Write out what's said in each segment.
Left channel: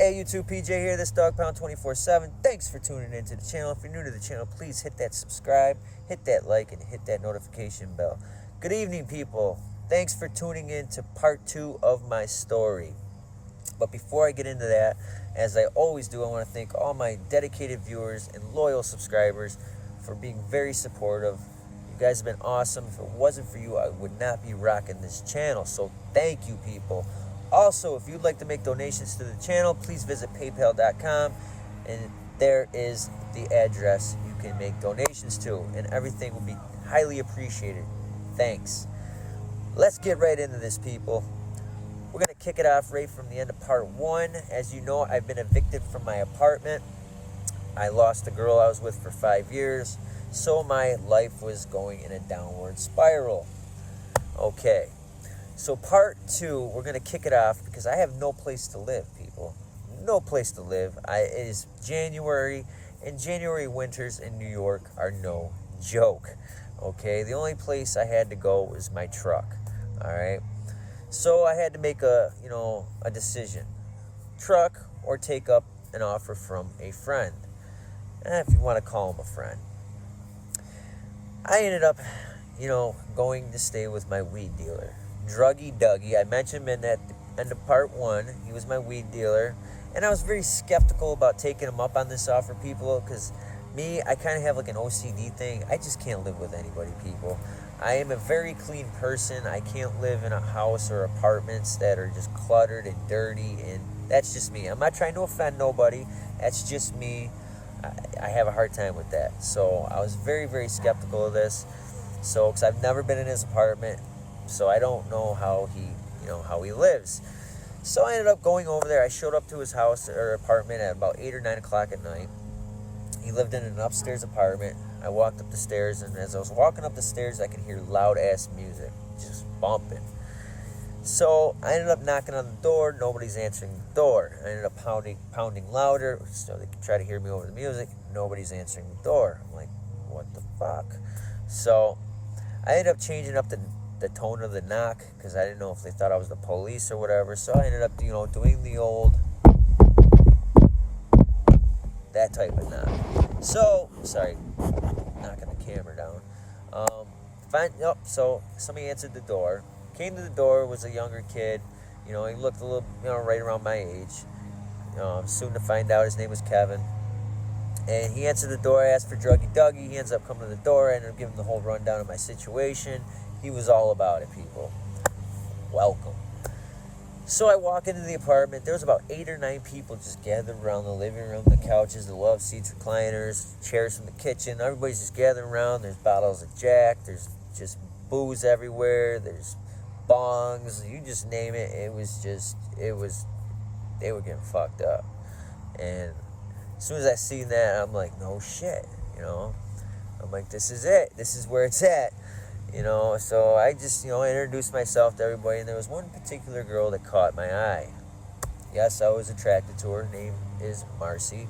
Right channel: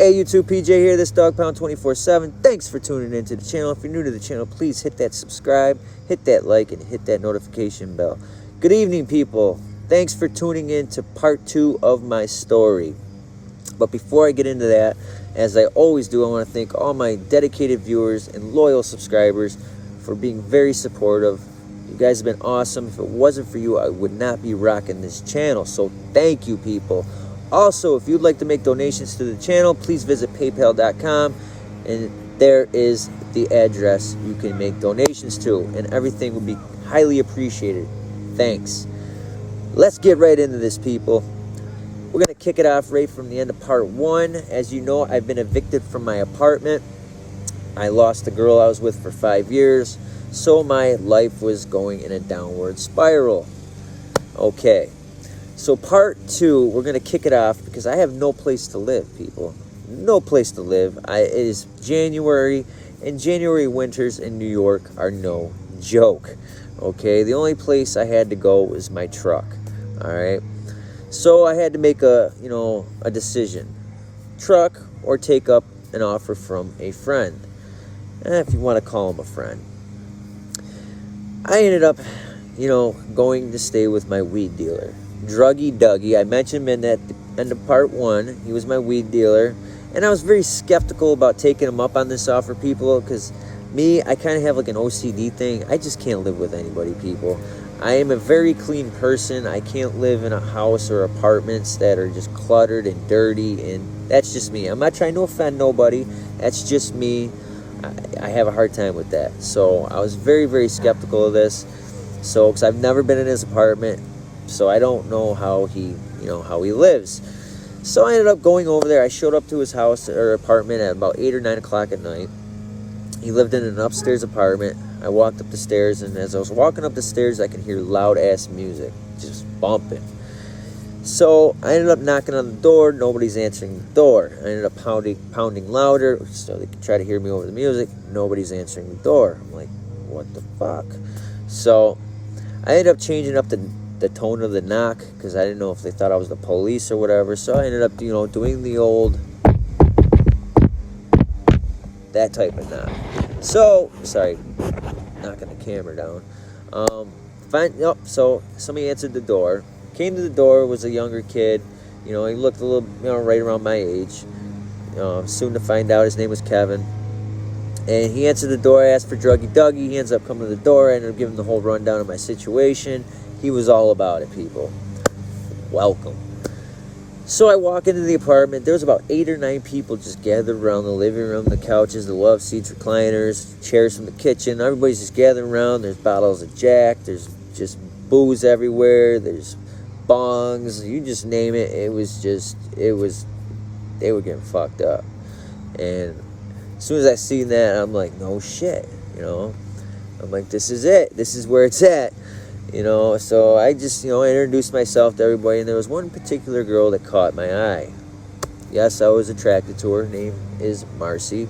Hey YouTube, PJ here, this Dog Pound 24/7. Thanks for tuning into the channel. If you're new to the channel, please hit that subscribe, hit that like, and hit that notification bell. Good evening, people. Thanks for tuning in to part 2 of my story. But before I get into that, as I always do, I want to thank all my dedicated viewers and loyal subscribers for being very supportive. You guys have been awesome. If it wasn't for you, I would not be rocking this channel. So thank you, people. Also, if you'd like to make donations to the channel, please visit paypal.com, and there is the address you can make donations to, and everything would be highly appreciated. Thanks. Let's get right into this, people. We're going to kick it off right from the end of part 1. As you know, I've been evicted from my apartment. I lost the girl I was with for 5 years, so my life was going in a downward spiral. Okay. So part 2, we're going to kick it off because I have no place to live, people. No place to live. It is January, and January winters in New York are no joke. Okay, the only place I had to go was my truck. All right. So I had to make a decision. Truck or take up an offer from a friend. If you want to call him a friend. I ended up, going to stay with my weed dealer. Druggy Dougie. I mentioned him in at the end of part 1. He was my weed dealer, and I was very skeptical about taking him up on this offer, people, because I kind of have like an OCD thing. I just can't live with anybody, people. I am a very clean person. I can't live in a house or apartments that are just cluttered and dirty, and that's just me. I'm not trying to offend nobody. That's just me. I have a hard time with that. So I was very, very skeptical of this. So, because I've never been in his apartment, so I don't know how he lives. So I ended up going over there. I showed up to his house or apartment at about 8 or 9 o'clock at night. He lived in an upstairs apartment. I walked up the stairs, and as I was walking up the stairs, I could hear loud-ass music, just bumping. So I ended up knocking on the door. Nobody's answering the door. I ended up pounding louder so they could try to hear me over the music. Nobody's answering the door. I'm like, what the fuck? So I ended up changing up the tone of the knock because I didn't know if they thought I was the police or whatever. So I ended up, doing the old, that type of knock. So, sorry, knocking the camera down. So somebody answered the door. Came to the door, was a younger kid. He looked a little, right around my age. Soon to find out his name was Kevin. And he answered the door. I asked for Druggy Dougie. He ends up coming to the door. I ended up giving him the whole rundown of my situation. He was all about it, people. Welcome. So I walk into the apartment. There was about 8 or 9 people just gathered around the living room, the couches, the love seats, recliners, chairs from the kitchen. Everybody's just gathering around. There's bottles of Jack. There's just booze everywhere. There's bongs. You just name it. They were getting fucked up. And as soon as I seen that, I'm like, no shit, I'm like, this is it. This is where it's at. So I just, I introduced myself to everybody, and there was one particular girl that caught my eye. Yes, I was attracted to her. Her name is Marcy.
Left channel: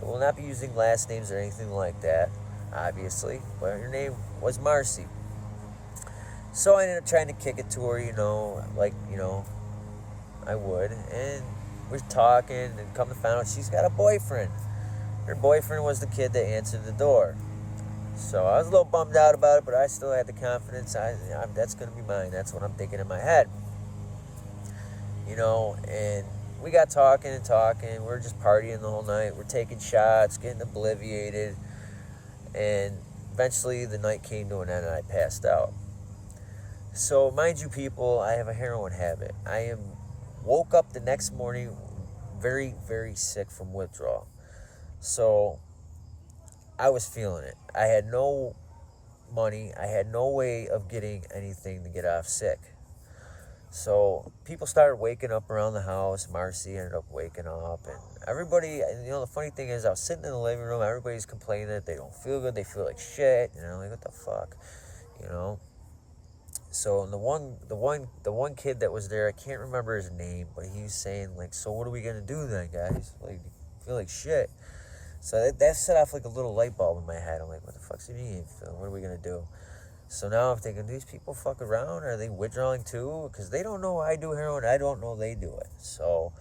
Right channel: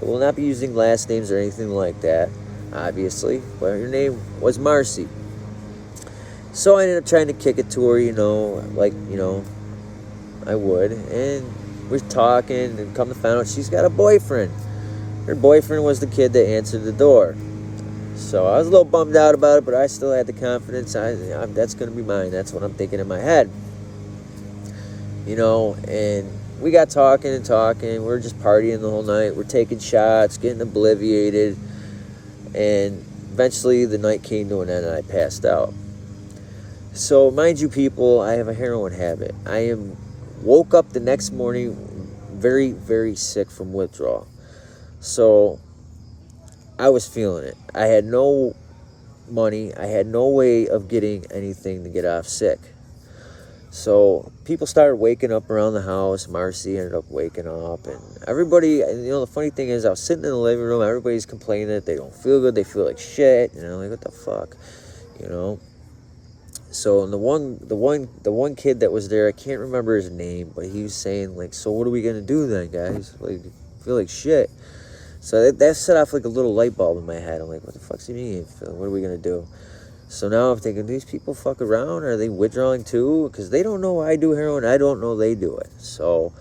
I will not be using last names or anything like that, obviously, but her name was Marcy. So I ended up trying to kick it to her, like, I would, and we're talking, and come to find out she's got a boyfriend. Her boyfriend was the kid that answered the door. So I was a little bummed out about it, but I still had the confidence. That's going to be mine. That's what I'm thinking in my head. And we got talking and talking. We're just partying the whole night. We're taking shots, getting obliviated. And eventually the night came to an end and I passed out. So mind you, people, I have a heroin habit. Woke up the next morning very, very sick from withdrawal. So I was feeling it. I had no money. I had no way of getting anything to get off sick. So people started waking up around the house. Marcy ended up waking up. And everybody, the funny thing is I was sitting in the living room. Everybody's complaining that they don't feel good. They feel like shit. Like, what the fuck? So and the one kid that was there, I can't remember his name, but he was saying, like, so what are we going to do then, guys? Like, I feel like shit. So that set off like a little light bulb in my head. I'm like, what the fuck's he mean? What are we going to do? So now I'm thinking, these people fuck around? Are they withdrawing too? Because they don't know I do heroin. I don't know they do it. So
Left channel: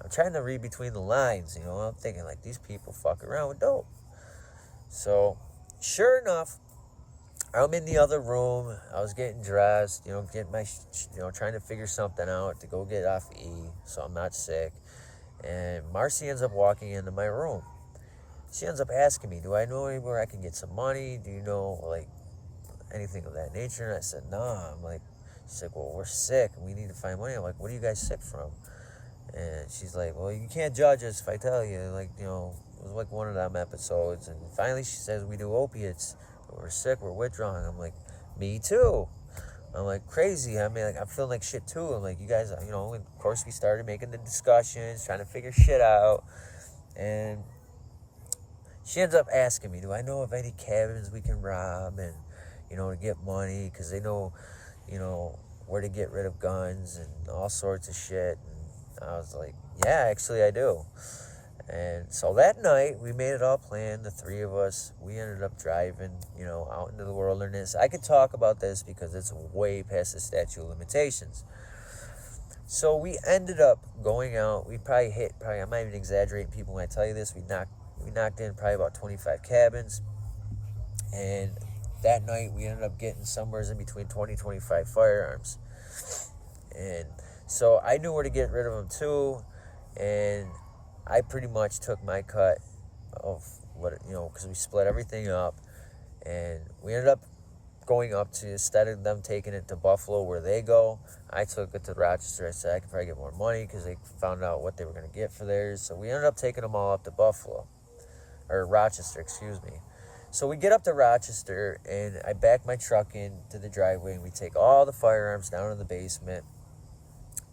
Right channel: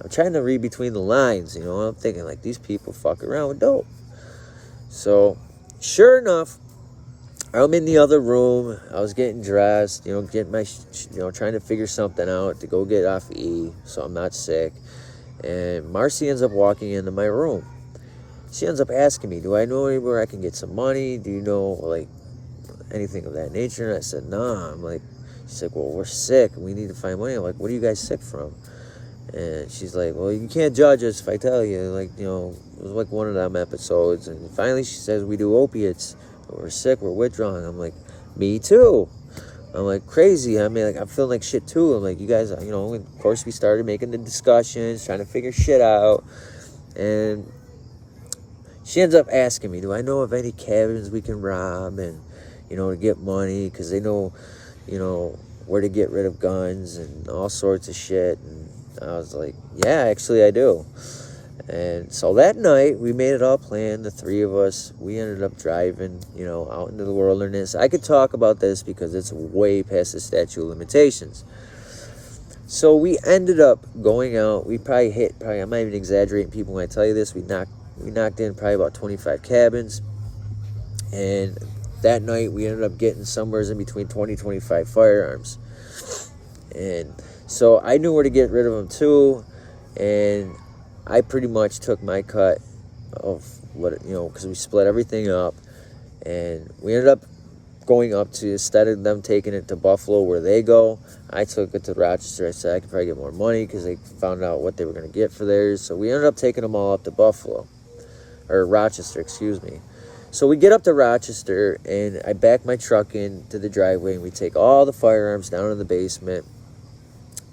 I'm trying to read between the lines, you know. I'm thinking, like, these people fuck around with dope. So, sure enough, I'm in the other room. I was getting dressed, you know, getting my, trying to figure something out to go get off E so I'm not sick. And Marcy ends up walking into my room. She ends up asking me, do I know anywhere I can get some money? Do you know, like, anything of that nature? And I said, nah. I'm like, she's like, well, we're sick. We need to find money. I'm like, what are you guys sick from? And she's like, well, you can't judge us if I tell you. Like, you know, it was like one of them episodes. And finally she says, we do opiates. We're sick. We're withdrawing. I'm like, me too. I'm like, crazy. I mean, like, I'm feeling like shit too. I'm like, you guys, you know, of course we started making the discussions, trying to figure shit out. And she ends up asking me, do I know of any cabins we can rob and, you know, to get money? Because they know, you know, where to get rid of guns and all sorts of shit. And I was like, yeah, actually I do. And so that night, we made it all planned, the three of us. We ended up driving, you know, out into the wilderness. I could talk about this because it's way past the statute of limitations. So we ended up going out. We probably I'm not even exaggerating, people, when I tell you this. We knocked in probably about 25 cabins. And that night, we ended up getting somewhere in between 20, 25 firearms. And so I knew where to get rid of them too. And I pretty much took my cut of what, you know, because we split everything up. And we ended up going up to, instead of them taking it to Buffalo where they go, I took it to Rochester. I said I could probably get more money because they found out what they were going to get for theirs. So we ended up taking them all up to Buffalo, or Rochester, excuse me. So we get up to Rochester, and I back my truck into the driveway, and we take all the firearms down in the basement,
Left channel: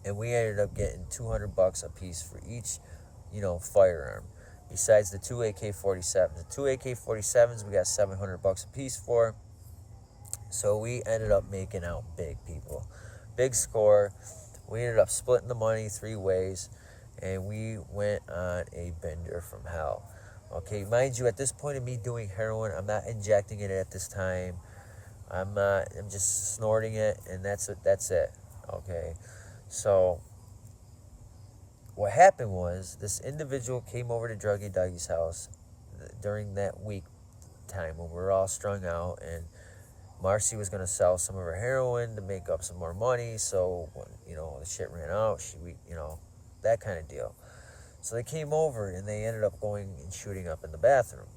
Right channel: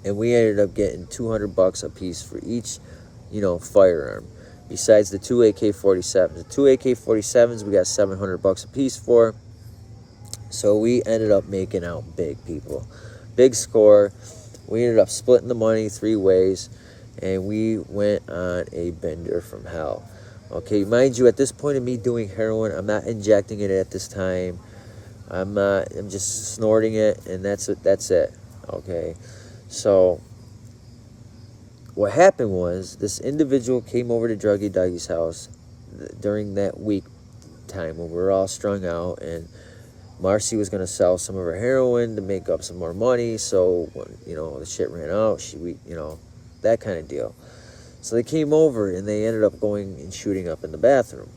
and we ended up getting $200 a piece for each, you know, firearm. Besides the two AK-47s. The two AK-47s we got $700 a piece for. So we ended up making out big, people. Big score. We ended up splitting the money 3 ways, and we went on a bender from hell. Okay, mind you, at this point of me doing heroin, I'm not injecting it at this time. I'm just snorting it, and that's it. Okay, so what happened was this individual came over to Druggy Dougie's house during that week time when we were all strung out, and Marcy was going to sell some of her heroin to make up some more money. So when, you know, the shit ran out, you know, that kind of deal. So they came over, and they ended up going and shooting up in the bathroom.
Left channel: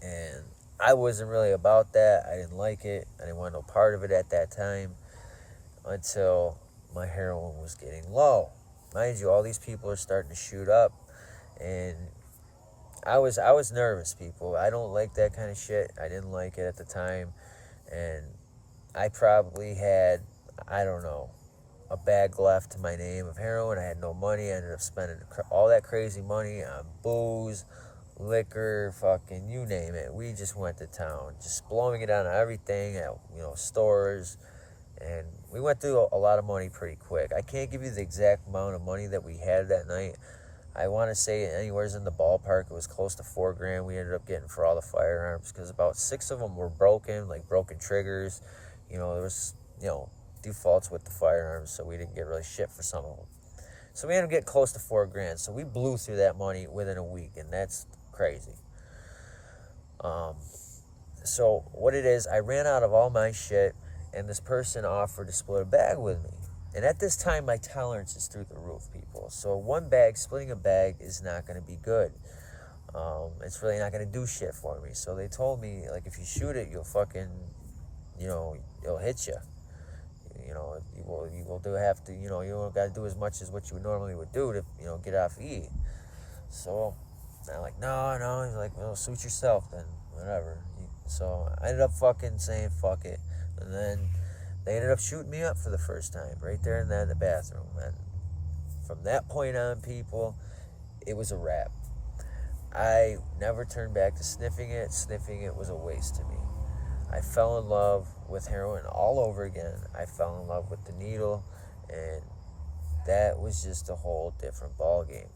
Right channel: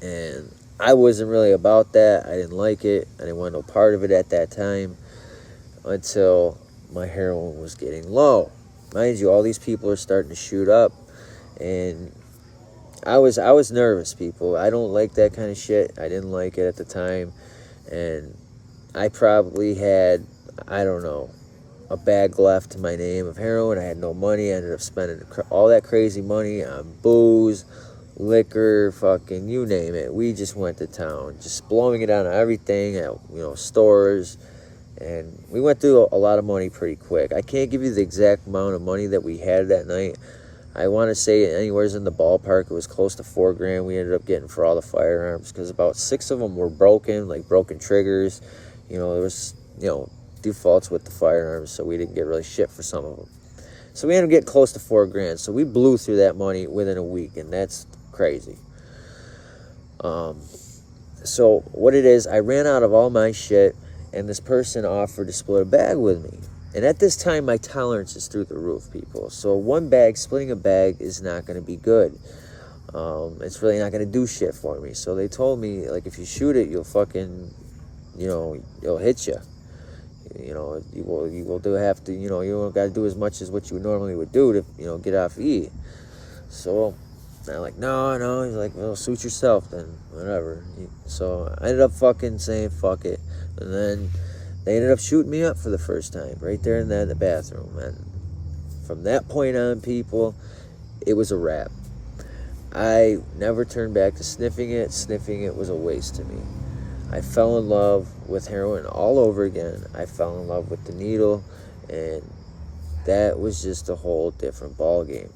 And I wasn't really about that. I didn't like it. I didn't want no part of it at that time until my heroin was getting low. Mind you, all these people are starting to shoot up, and I was nervous, people. I don't like that kind of shit. I didn't like it at the time, and I probably had, I don't know, a bag left to my name of heroin. I had no money. I ended up spending all that crazy money on booze, liquor, fucking you name it. We just went to town, just blowing it on everything at, you know, stores. And we went through a lot of money pretty quick. I can't give you the exact amount of money that we had that night. I want to say anywhere's in the ballpark. It was close to $4,000 we ended up getting for all the firearms, because about 6 of them were broken, like broken triggers. You know, there was, you know, defaults with the firearms, so we didn't get really shit for some of them. So we ended up getting close to $4,000. So we blew through that money within a week, and that's crazy. So what it is, I ran out of all my shit, and this person offered to split a bag with me. And at this time, my tolerance is through the roof, people. So splitting a bag is not going to be good. It's really not going to do shit for me. So they told me, like, if you shoot it, you'll fucking, you know, it'll hit you. You know, you will have to, you know, you don't got to do as much as what you normally would do to, you know, get off E. So I'm like, no. He's like, well, suit yourself then, whatever. So I ended up fucking saying fuck it. And then they ended up shooting me up for the first time right there in the bathroom. And from that point on, people, it was a wrap. I never turned back to sniffing it. Sniffing it was a waste to me. I fell in love with heroin all over again. I fell in love with the needle, and that was just a whole different ball game.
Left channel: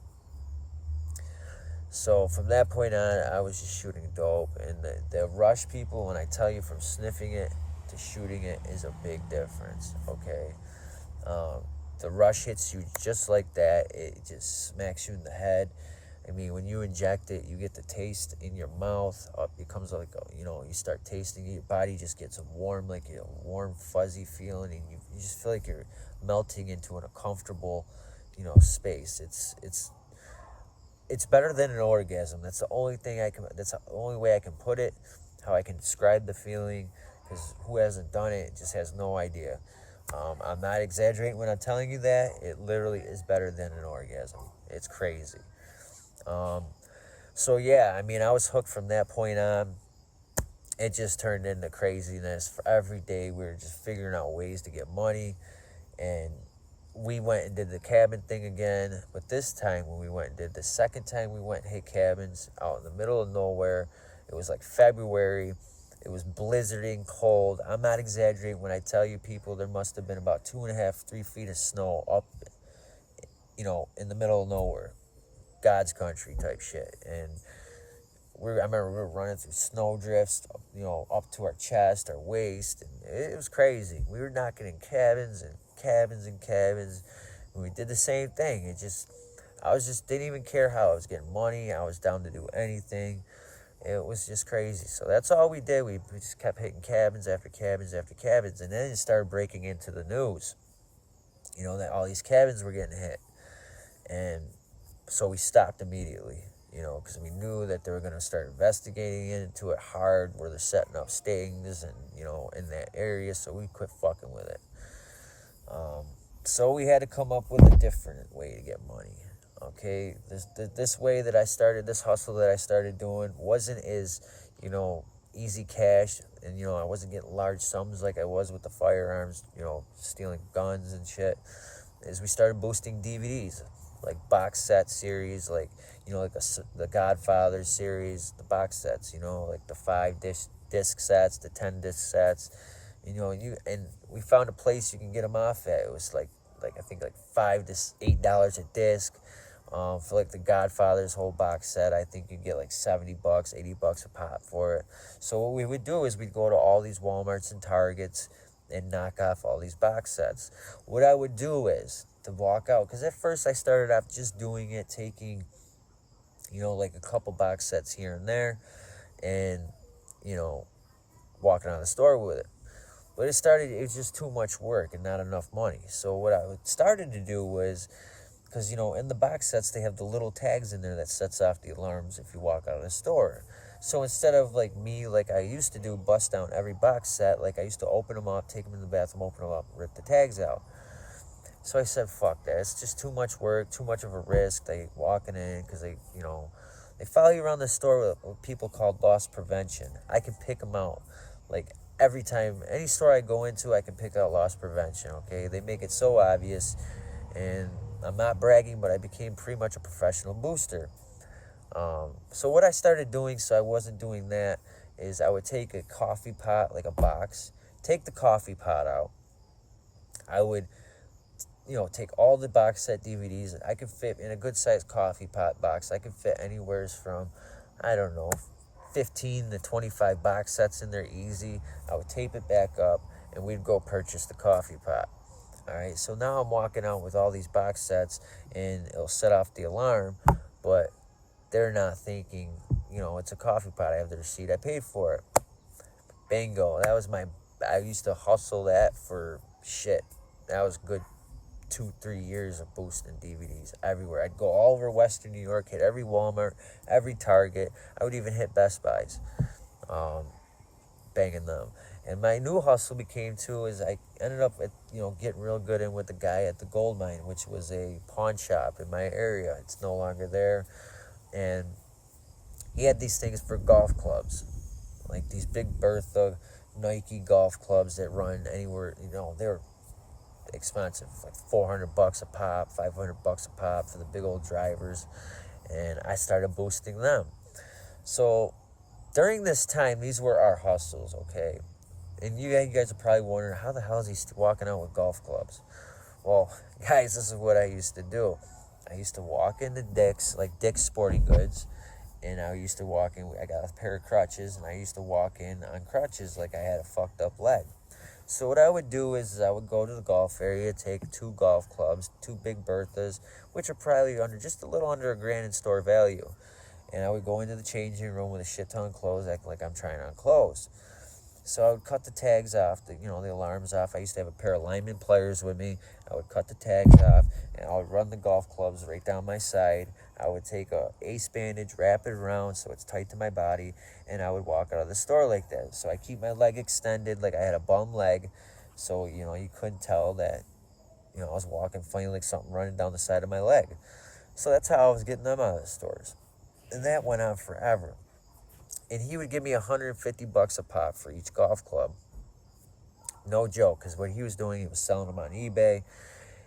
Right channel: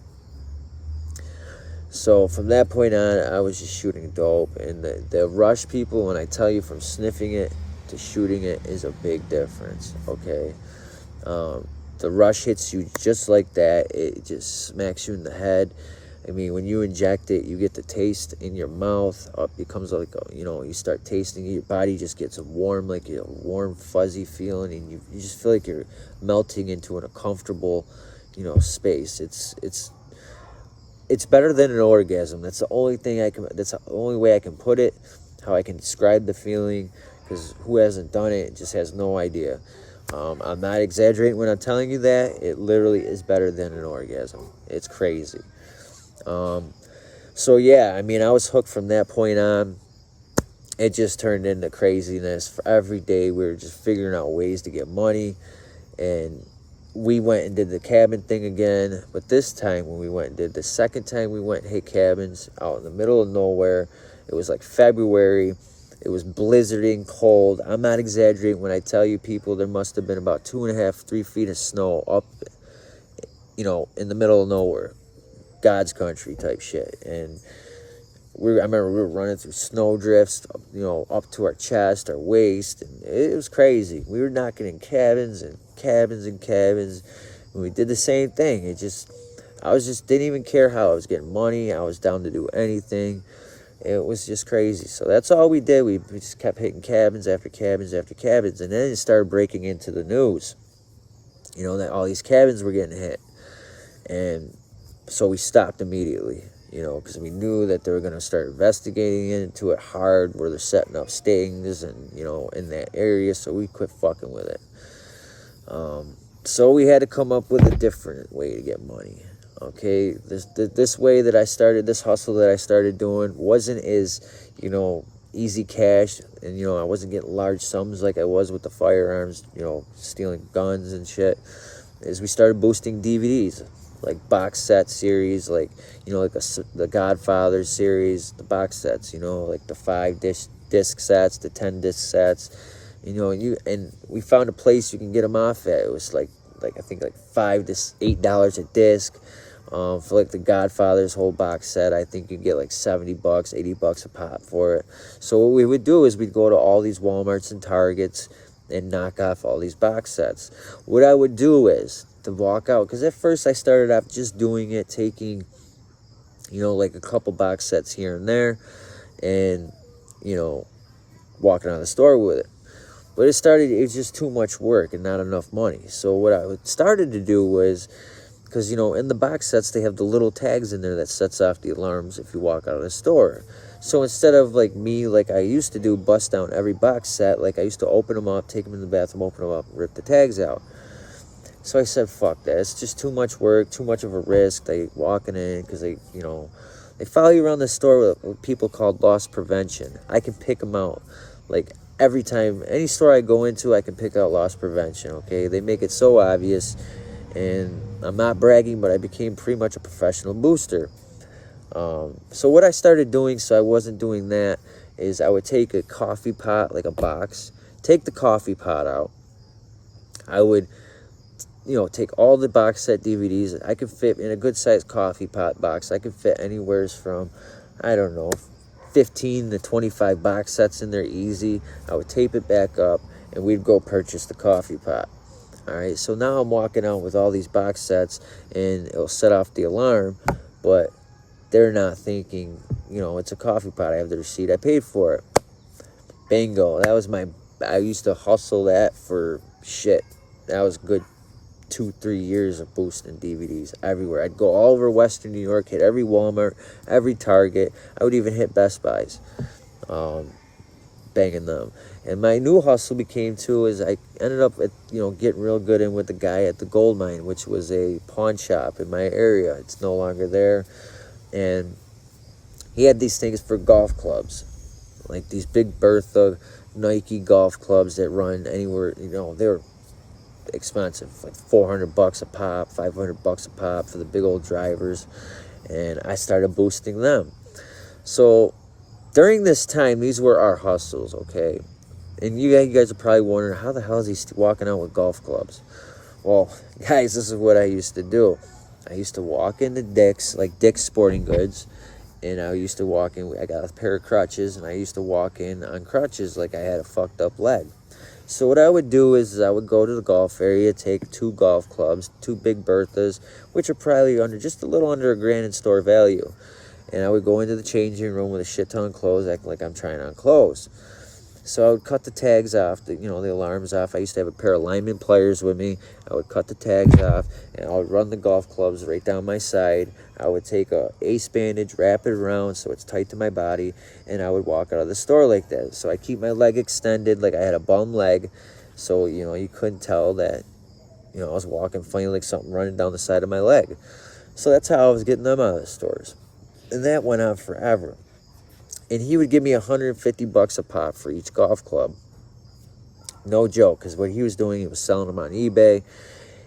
So from that point on, I was just shooting dope. And the rush, people, when I tell you from sniffing it to shooting it, is a big difference, okay? the rush hits you just like that. It just smacks you in the head. I mean, when you inject it, you get the taste in your mouth. It becomes like, you start tasting it. Your body just gets warm, like a warm, fuzzy feeling, and you just feel like you're melting into an uncomfortable, space. It's better than an orgasm. That's the only thing that's the only way I can put it, how I can describe the feeling, because who hasn't done it just has no idea. I'm not exaggerating when I'm telling you that. It literally is better than an orgasm. It's crazy. So yeah, I mean, I was hooked from that point on. It just turned into craziness. For every day, we were just figuring out ways to get money, and we went and did the cabin thing again. But this time, when we went and did the second time, we went and hit cabins out in the middle of nowhere. It was like February. It was blizzarding cold. I'm not exaggerating when I tell you, people, there must have been about 2.5, 3 feet of snow up, in the middle of nowhere. God's country type shit. And I remember we were running through snow drifts, up to our chest, our waist, and it was crazy. We were knocking in cabins and cabins and cabins, and we did the same thing. I didn't even care how I was getting money. I was down to do anything. It was just crazy. So that's all we did. We just kept hitting cabins after cabins after cabins, and then it started breaking into the news, that all these cabins were getting hit. And so we stopped immediately, because we knew that they were going to start investigating into it hard, where they're setting up stings and, in that area. So we quit fucking with it. So we had to come up with a different way to get money. Okay, this way that I started, this hustle that I started doing wasn't as, easy cash. And, I wasn't getting large sums like I was with the firearms, stealing guns and shit. Is we started boosting DVDs. Like box set series, like the Godfather series, the box sets, like the 5 disc sets, the 10 disc sets, and we found a place you can get them off at. It was like I think like $5 to $8 a disc, for like the Godfather's whole box set. I think you get like $70, $80 a pop for it. So what we would do is we'd go to all these Walmarts and Targets and knock off all these box sets. What I would do is to walk out, because at first I started off just doing it, taking, like a couple box sets here and there, and, walking out of the store with it. But it was just too much work and not enough money. So what I started to do was, because, in the box sets, they have the little tags in there that sets off the alarms if you walk out of the store. So instead of like I used to do, bust down every box set, like I used to open them up, take them in the bathroom, open them up, rip the tags out. So I said, fuck that. It's just too much work, too much of a risk. They walking in because they follow you around the store with what people called loss prevention. I can pick them out. Like every time, any store I go into, I can pick out loss prevention, okay? They make it so obvious. And I'm not bragging, but I became pretty much a professional booster. So what I started doing, so I wasn't doing that, is I would take a coffee pot, like a box, take the coffee pot out. I would take all the box set DVDs. I could fit in a good sized coffee pot box. I could fit anywhere from, 15 to 25 box sets in there easy. I would tape it back up, and we'd go purchase the coffee pot. All right, so now I'm walking out with all these box sets, and it'll set off the alarm, but they're not thinking, it's a coffee pot. I have the receipt. I paid for it. Bingo. I used to hustle that for shit. That was good 2-3 years of boosting DVDs everywhere. I'd go all over Western New York, hit every Walmart, every Target. I would even hit Best Buys, banging them. And my new hustle became too is I ended up getting real good in with the guy at the gold mine, which was a pawn shop in my area. It's no longer there, and he had these things for golf clubs, like these big Bertha Nike golf clubs that run anywhere. They're expensive, like $400 a pop, $500 a pop for the big old drivers, and I started boosting them. So during this time, these were our hustles, okay? And you guys are probably wondering, how the hell is he walking out with golf clubs? Well, guys, this is what I used to do. I used to walk into Dick's, like Dick's Sporting Goods, and I used to walk in. I got a pair of crutches, and I used to walk in on crutches like I had a fucked up leg. So what I would do is I would go to the golf area, take 2 golf clubs, 2 big Berthas, which are probably just a little under $1,000 in store value. And I would go into the changing room with a shit ton of clothes, acting like I'm trying on clothes. So I would cut the tags off, the alarms off. I used to have a pair of lineman pliers with me. I would cut the tags off, and I would run the golf clubs right down my side. I would take a ace bandage, wrap it around so it's tight to my body, and I would walk out of the store like that. So I keep my leg extended like I had a bum leg, so, you couldn't tell that, I was walking funny like something running down the side of my leg. So that's how I was getting them out of the stores. And that went on forever. And he would give me $150 a pop for each golf club. No joke, because what he was doing, he was selling them on eBay.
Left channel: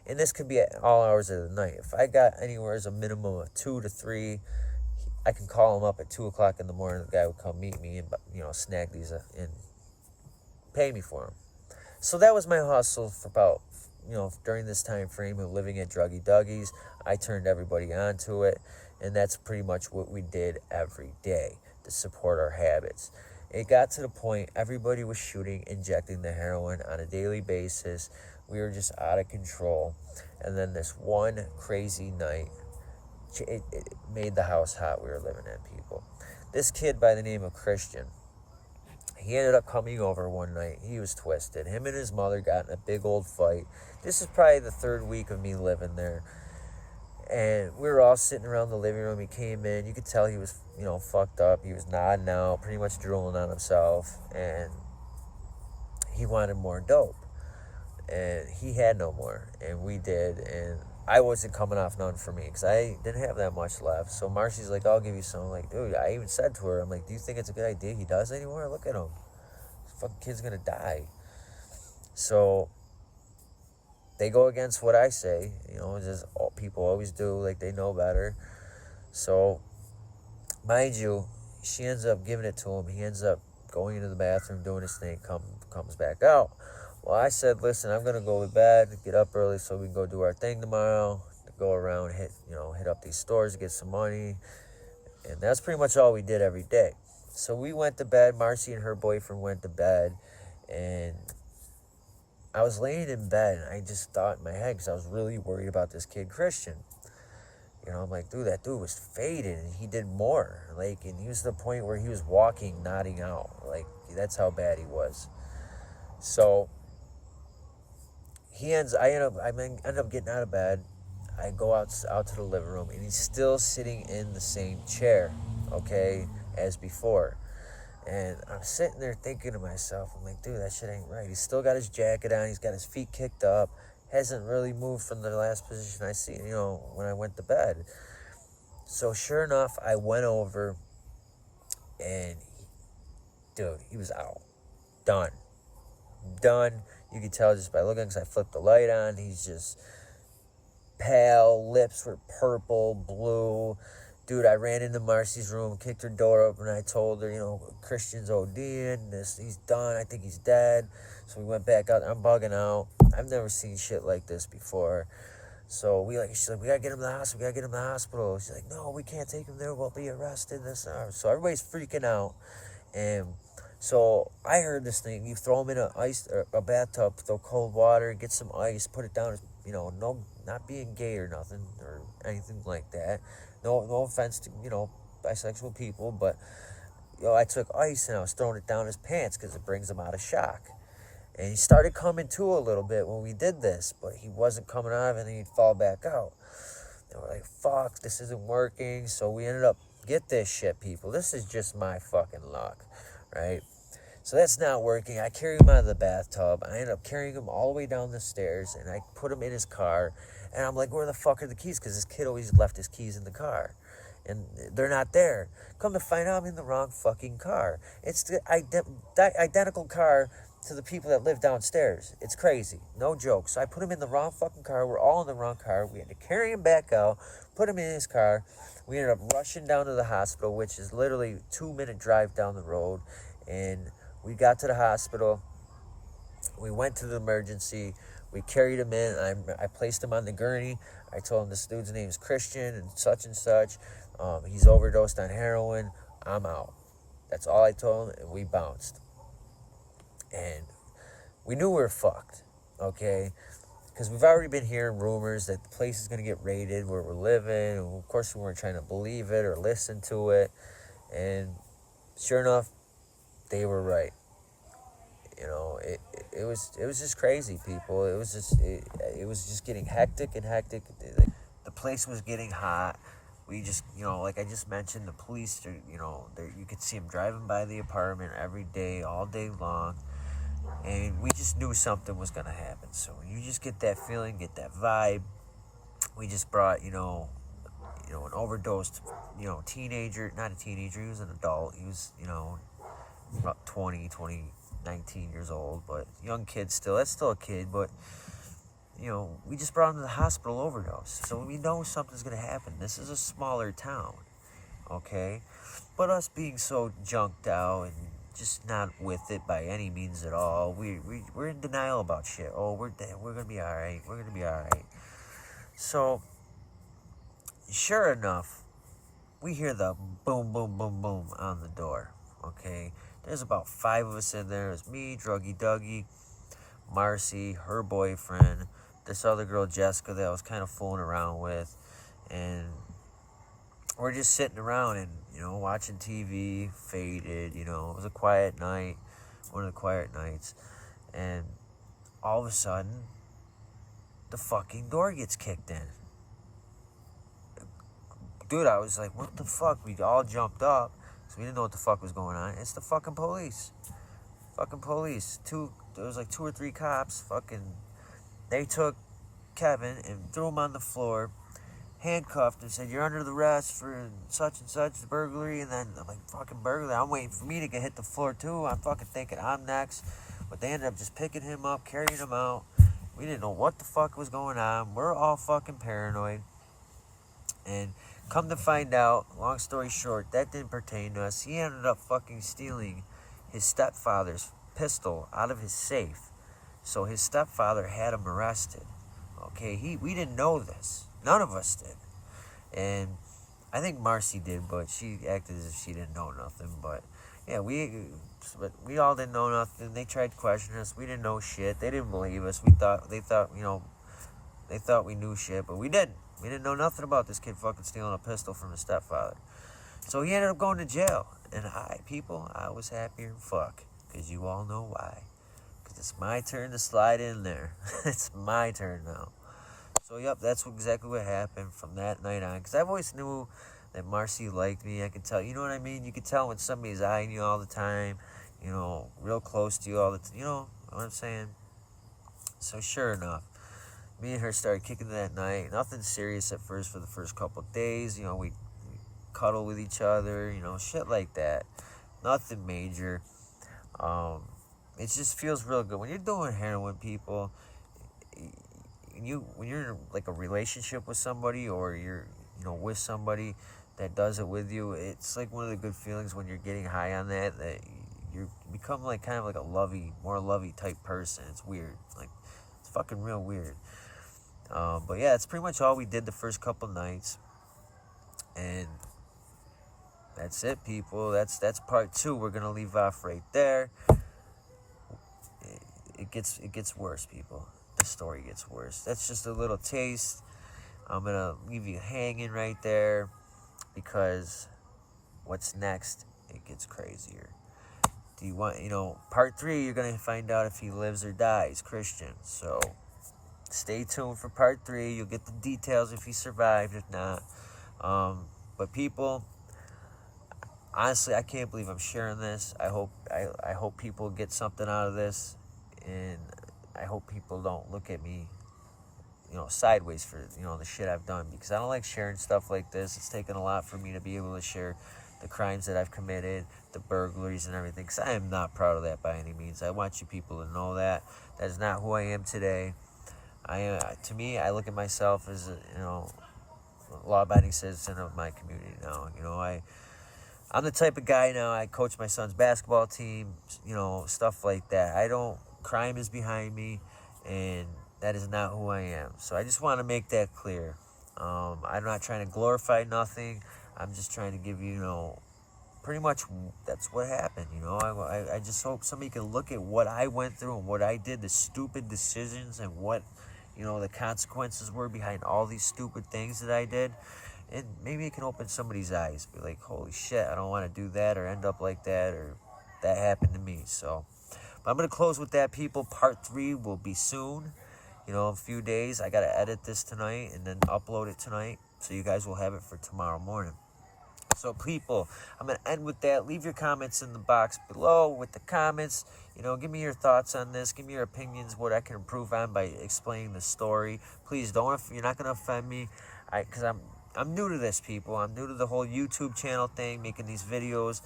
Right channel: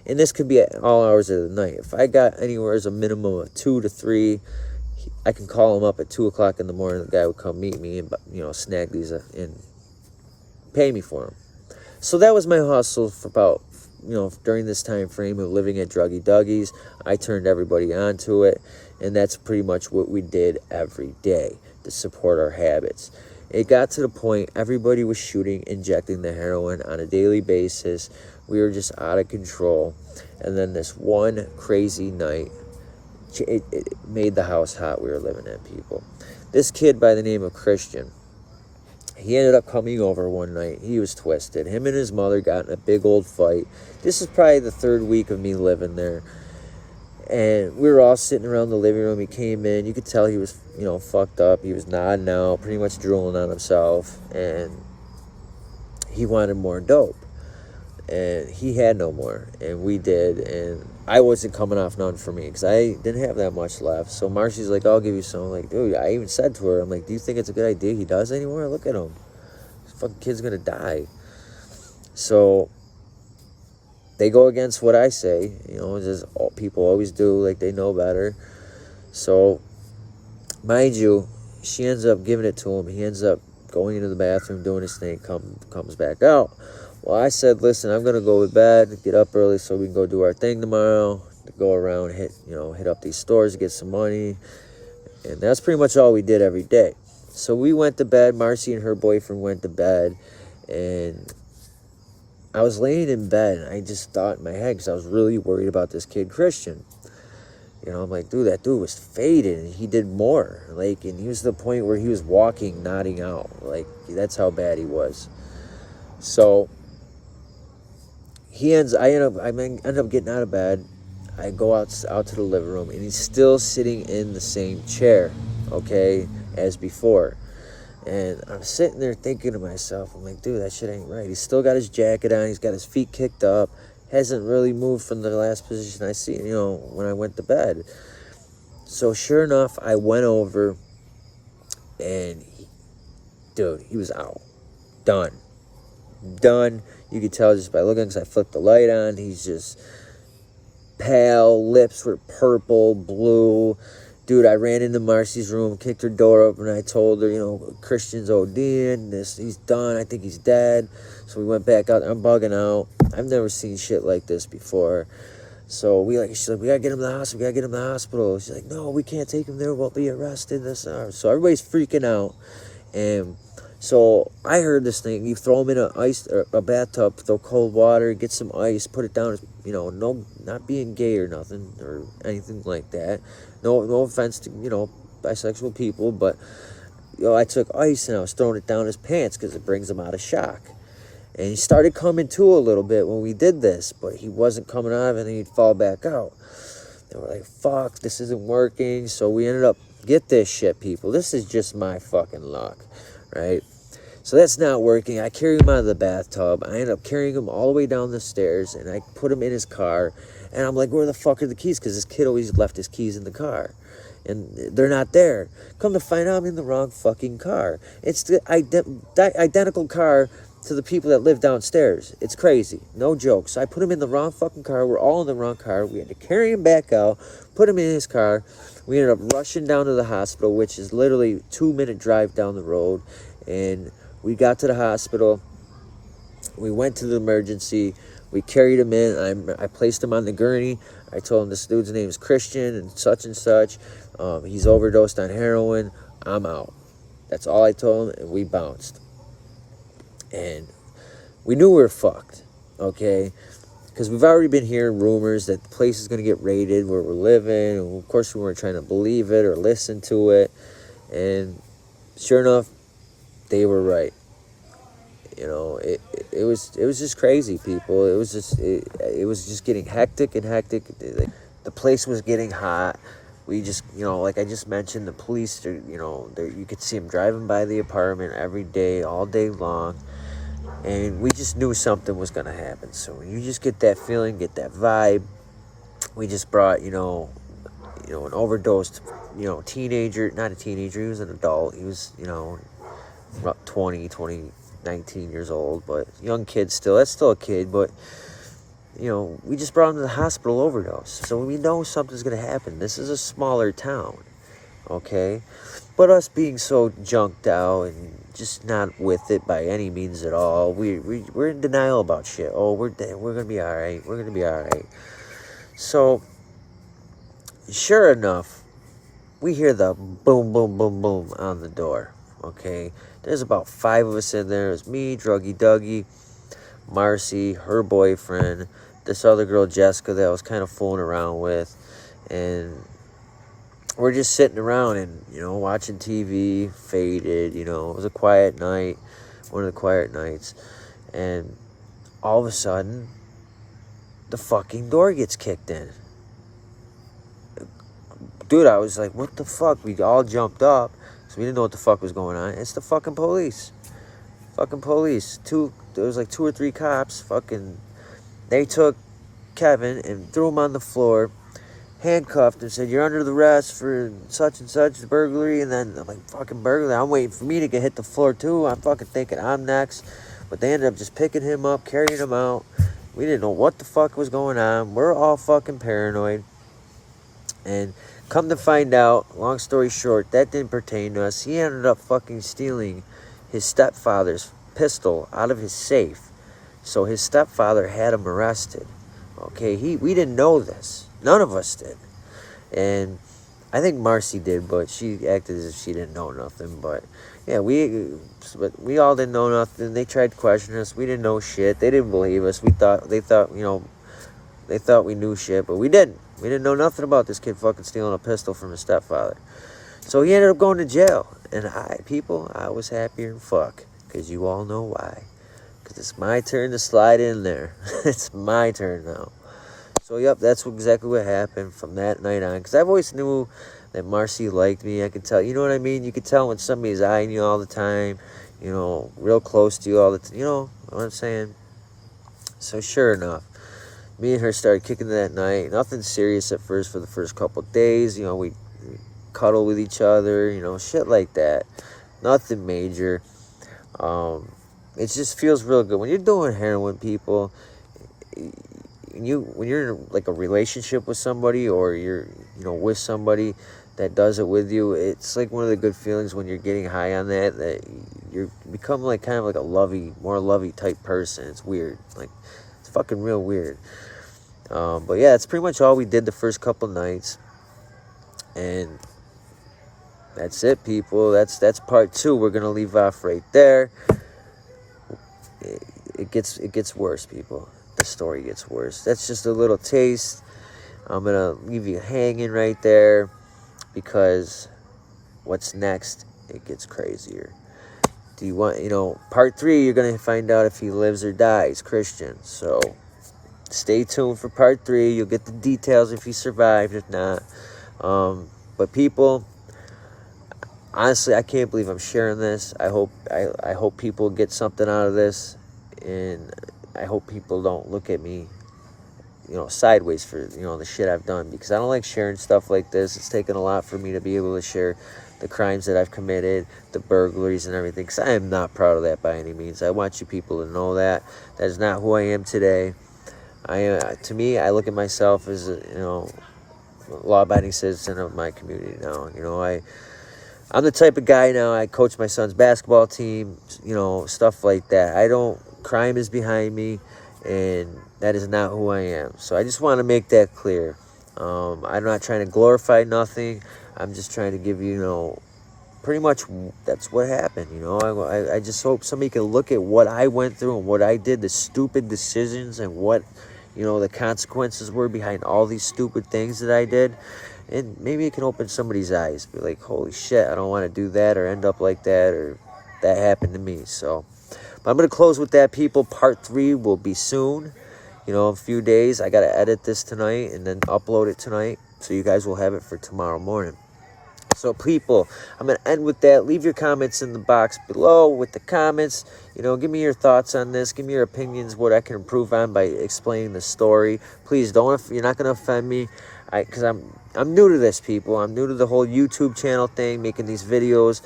And this could be at all hours of the night. If I got anywhere as a minimum of 2 to 3, I can call him up at 2 o'clock in the morning. The guy would come meet me and, snag these and pay me for them. So that was my hustle for about, during this time frame of living at Druggy Dougie's. I turned everybody onto it. And that's pretty much what we did every day to support our habits. It got to the point everybody was shooting, injecting the heroin on a daily basis. We were just out of control. And then this one crazy night, it made the house hot we were living in, people. This kid by the name of Christian, he ended up coming over one night. He was twisted. Him and his mother got in a big old fight. This is probably the 3rd week of me living there. And we were all sitting around the living room. He came in. You could tell he was, fucked up. He was nodding out, pretty much drooling on himself. And he wanted more dope. And he had no more. And we did. And I wasn't coming off none for me because I didn't have that much left. So Marcy's like, I'll give you some. I'm like, dude, I even said to her, I'm like, do you think it's a good idea he does anymore? Look at him. This fucking kid's going to die. So they go against what I say, just people always do, like they know better. So, mind you, she ends up giving it to him. He ends up going into the bathroom, doing his thing, comes back out. Well, I said, listen, I'm going to go to bed, get up early so we can go do our thing tomorrow, to go around, hit up these stores, get some money. And that's pretty much all we did every day. So we went to bed. Marcy and her boyfriend went to bed, and I was laying in bed, and I just thought in my head, because I was really worried about this kid, Christian. I'm like, dude, that dude was faded, and he did more. Like, and he was to the point where he was walking, nodding out. Like, that's how bad he was. So, I end up getting out of bed. I go out to the living room, and he's still sitting in the same chair, okay, as before. And I'm sitting there thinking to myself, I'm like, dude, that shit ain't right. He's still got his jacket on. He's got his feet kicked up. Hasn't really moved from the last position I see, when I went to bed. So sure enough, I went over, and he was out. Done. You could tell just by looking, because I flipped the light on. He's just pale. Lips were purple, blue. Dude, I ran into Marcy's room, kicked her door open, and I told her, Christian's ODing, he's done, I think he's dead. So we went back out. I'm bugging out. I've never seen shit like this before. So she's like, we gotta get him to the hospital. She's like, no, we can't take him there, we'll be arrested, So everybody's freaking out. And so I heard this thing, you throw him in a bathtub, throw cold water, get some ice, put it down, no, not being gay or nothing, or anything like that. No offense to, bisexual people, but, I took ice and I was throwing it down his pants because it brings him out of shock. And he started coming to a little bit when we did this, but he wasn't coming out of it, and he'd fall back out. And we're like, fuck, this isn't working. So we ended up, get this shit, people. This is just my fucking luck, right? So that's not working. I carry him out of the bathtub. I end up carrying him all the way down the stairs, and I put him in his car. And I'm like, where the fuck are the keys? Because this kid always left his keys in the car. And they're not there. Come to find out, I'm in the wrong fucking car. It's the identical car to the people that live downstairs. It's crazy. No joke. So I put him in the wrong fucking car. We're all in the wrong car. We had to carry him back out, put him in his car. We ended up rushing down to the hospital, which is literally a 2-minute drive down the road. And we got to the hospital. We went to the emergency. We carried him in. I placed him on the gurney. I told him this dude's name is Christian and such. He's overdosed on heroin. I'm out. That's all I told him, and we bounced. And we knew we were fucked, okay? Because we've already been hearing rumors that the place is going to get raided where we're living. And of course, we weren't trying to believe it or listen to it. And sure enough, they were right. You know, it was just crazy, people. It was just getting hectic and hectic. The place was getting hot. We just, like I just mentioned, the police, you could see them driving by the apartment every day, all day long. And we just knew something was going to happen. So when you just get that feeling, get that vibe, we just brought, an overdosed, teenager, not a teenager, he was an adult. He was, about 19 years old, but young kid still. That's still a kid, but, we just brought him to the hospital overdose. So we know something's going to happen. This is a smaller town, okay? But us being so junked out and just not with it by any means at all, we're in denial about shit. Oh, we're going to be all right. We're going to be all right. So, sure enough, we hear the boom, boom, boom, boom on the door, okay? There's about 5 of us in there. It's me, Druggy Dougie, Marcy, her boyfriend, this other girl, Jessica, that I was kind of fooling around with. And we're just sitting around and, watching TV, faded, it was a quiet night, one of the quiet nights. And all of a sudden, the fucking door gets kicked in. Dude, I was like, what the fuck? We all jumped up. So we didn't know what the fuck was going on. It's the fucking police. Fucking police. There was like 2 or 3 cops. They took Kevin and threw him on the floor, handcuffed, and said, you're under the arrest for such and such burglary. And then I'm like, fucking burglary. I'm waiting for me to hit the floor too. I'm fucking thinking I'm next. But they ended up just picking him up, carrying him out. We didn't know what the fuck was going on. We're all fucking paranoid. And come to find out, long story short, that didn't pertain to us. He ended up fucking stealing his stepfather's pistol out of his safe. So his stepfather had him arrested. Okay, we didn't know this. None of us did. And I think Marcy did, but she acted as if she didn't know nothing. But yeah, we all didn't know nothing. They tried to question us. We didn't know shit. They didn't believe us. They thought we knew shit, but we didn't. We didn't know nothing about this kid fucking stealing a pistol from his stepfather. So he ended up going to jail. And I was happier than fuck. Because you all know why. Because it's my turn to slide in there. It's my turn now. So, yep, that's exactly what happened from that night on. Because I've always knew that Marcy liked me. I could tell, you know what I mean? You could tell when somebody's eyeing you all the time. Real close to you all the time. You know what I'm saying? So, sure enough, me and her started kicking that night. Nothing serious at first for the first couple of days. We cuddle with each other, shit like that. Nothing major. It just feels real good. When you're doing heroin, people, when you're in like a relationship with somebody or you're, with somebody that does it with you, it's like one of the good feelings when you're getting high on that you become like kind of like more lovey type person. It's weird. Like, it's fucking real weird. But yeah, it's pretty much all we did the first couple nights. And that's it, people. That's part 2. We're going to leave off right there. It gets worse, people. The story gets worse. That's just a little taste. I'm going to leave you hanging right there because what's next, it gets crazier. Do you want, part 3, you're going to find out if he lives or dies, Christian. So stay tuned for part 3. You'll get the details if he survived, if not. But people, honestly, I can't believe I'm sharing this. I hope people get something out of this, and I hope people don't look at me, sideways for, the shit I've done, because I don't like sharing stuff like this. It's taken a lot for me to be able to share the crimes that I've committed, the burglaries and everything, because I am not proud of that by any means. I want you people to know that. That is not who I am today. To me, I look at myself as a, law-abiding citizen of my community now. I'm the type of guy now, I coach my son's basketball team, stuff like that. Crime is behind me, and that is not who I am. So I just want to make that clear. I'm not trying to glorify nothing. I'm just trying to give you, pretty much that's what happened. You know, I just hope somebody can look at what I went through and what I did, the stupid decisions, and what, you know, the consequences were behind all these stupid things that I did. And maybe it can open somebody's eyes. Be like, holy shit, I don't want to do that or end up like that, or that happened to me. So, but I'm going to close with that, people. Part 3 will be soon. You know, a few days. I got to edit this tonight and then upload it tonight. So you guys will have it for tomorrow morning. So, people, I'm going to end with that. Leave your comments in the box below with the comments. You know, give me your thoughts on this. Give me your opinions, what I can improve on by explaining the story. Please don't, if you're not going to offend me, because I'm new to this, people. I'm new to the whole YouTube channel thing, making these videos.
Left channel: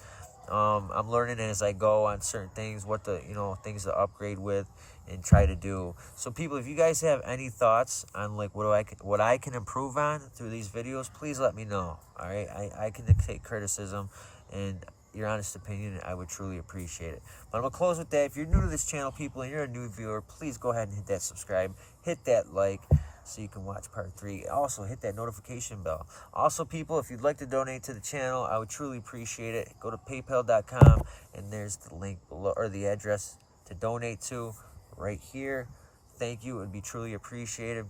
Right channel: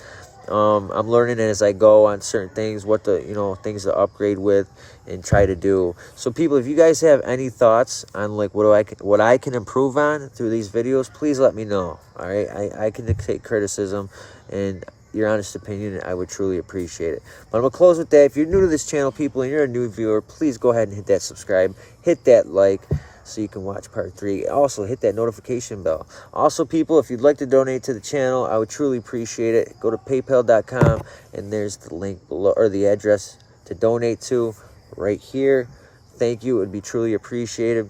I'm learning as I go on certain things, what the, you know, things to upgrade with and try to do. So, people, if you guys have any thoughts on like what I can improve on through these videos, please let me know. All right, I can take criticism and your honest opinion. I would truly appreciate it. But I'm gonna close with that. If you're new to this channel, people, and you're a new viewer, please go ahead and hit that subscribe, hit that like, so you can watch part 3. Also, hit that notification bell. Also, people, if you'd like to donate to the channel, I would truly appreciate it. Go to paypal.com, and there's the link below, or the address to donate to right here. Thank you. It would be truly appreciated.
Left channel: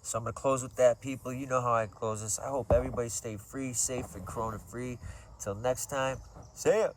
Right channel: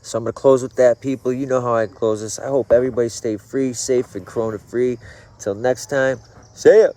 So I'm going to close with that, people. You know how I close this. I hope everybody stay free, safe, and corona-free. Until next time, see ya.